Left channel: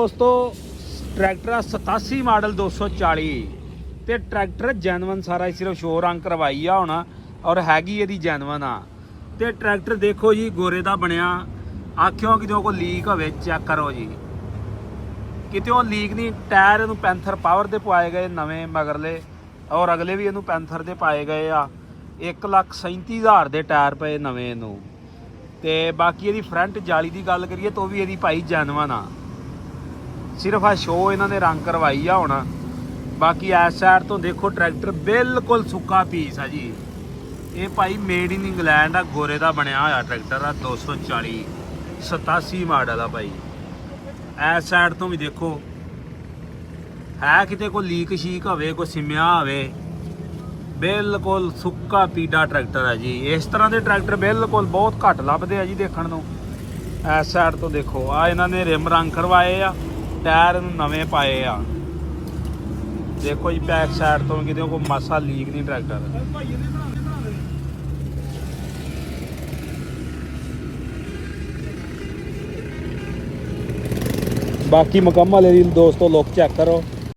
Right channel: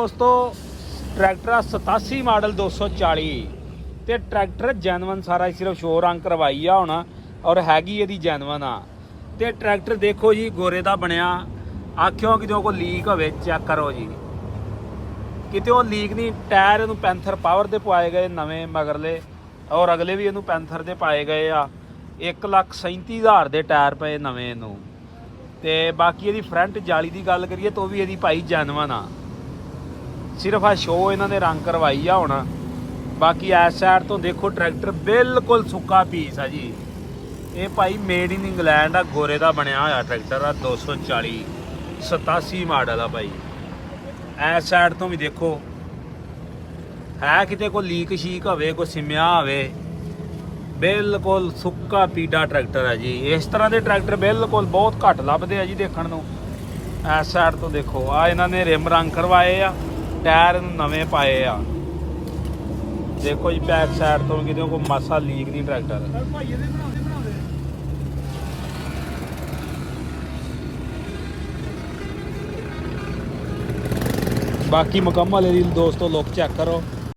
ਦੋਸਤੋ tractor 87 model 240 ਤੇ tractor genuine ਸਾਰਾ ਸਿਰਫ ਸ਼ੋ ਰੰਗ ਕਰਵਾਈ ਆ ਹੁਣ ਔਰ ਹੈਗੀ ਇਹਦੀ ਜੈਨੂਅਨ ਆ। ਤੇ ट्रैक्टर ਦੇਖੋ ਜੀ ਗੋਰੇ ਦਾ ਬਣਿਆ। ਆਖਿਓ ਕਿਤੇ ਕੋਈ ਲੀਕ ਹੋਵੇ ਚੈੱਕ ਕਰੋ ਜੀ, ਕਿਤੇ ਉਹ ਲੀਕ ਨਹੀਂ। ਟਾਇਰ ਇਹਨੂੰ ਪੈਂਥਰ ਪਾਵਰ ਦੇ ਪਵਾਏ ਗਏ ਨਵੇਂ ਮਗਰਲੇ, ਔਰ ਅਗਲੇ ਵੀ ਇਹਨੂੰ ਪੈਂਥਰ ਦੇ ਪਾਏ ਗਏ ਆ। 1,37,000 ਦੇ ਟਾਇਰ ਪਏ ਨਵੇਂ ਇਹਨੂੰ। ਤੇ ਬਾਕੀ ਇਹਦੀ ਫਰੰਟ ਜਾਲੀ ਦੀ ਗੱਲ ਕਰੀਏ ਤਾਂ ਉਹ ਵੀ ਇਹਦੀ ਭਾਈ ਜੈਨੂਅਨ ਆ। ਸਿਰਫ ਆ ਸ਼ੋ ਇਹਨਾਂ ਨੇ ਰੰਗ ਕਰਵਾਈ ਆ ਹੁਣ। ਬਾਕੀ ਇਸ ਸਾਈਡ ਤੋਂ ਦੇਖੋ ਟਰੈਕਟਰ ਬਿਲਕੁਲ ਸੁੱਕਾ ਪੀਸ ਆ ਜੀ। ਇਹ ਭਾਈ ਮੇਡ ਇਨ ਇੰਗਲੈਂਡ ਆ, ਗੋਰੇ ਦਾ ਬਣਿਆ ਹੋਇਆ ਟਰੈਕਟਰ ਆ। 240 87 ਮਾਡਲ ਆ ਭਾਈ। ਇਸ ਸਾਈਡ ਤੋਂ ਵੀ ਦੇਖੋ ਹੈ ਕਿਤੇ ਕੋਈ ਲੀਕ ਸ਼ੀਕ ਹੋਵੇ, ਕੋਈ ਸਿਮਿਆ ਹੋਵੇ। ਬਿਲਕੁਲ ਸੁੱਕਾ ਪੀਡਾ ਟਰੈਕਟਰ ਹੈ ਜੀ। ਇਸ ਤਰ੍ਹਾਂ ਦੇ ਟਰੈਕਟਰ ਬਿਲਕੁਲ ਬਹੁਤ ਘੱਟ ਲੱਭਦੇ ਆ ਜੀ ਦੇਖਣ ਨੂੰ। ਇਸ ਸਾਈਡ ਤੋਂ ਦੇਖੋ ਆ ਇਹਨਾਂ ਨੇ ਰਿਮ ਰੰਗ ਕਰਵਾਏ ਆ, ਟਾਇਰ ਨਵੇਂ ਪਾਏ ਆ। ਦੇਖੋ ਜੀ ਬੈਕ ਸਾਈਡ ਤੋਂ ਕਿਤੇ ਕੋਈ ਮਸਾ ਲੀਕ ਨਹੀਂ ਟਰੈਕਟਰ। ਬਾਕੀ ਮੁਕੰਮਲ ਇਹਦੀ ਦੋਸਤੋ ਲੁੱਕ ਚੈੱਕ ਕਰੋ।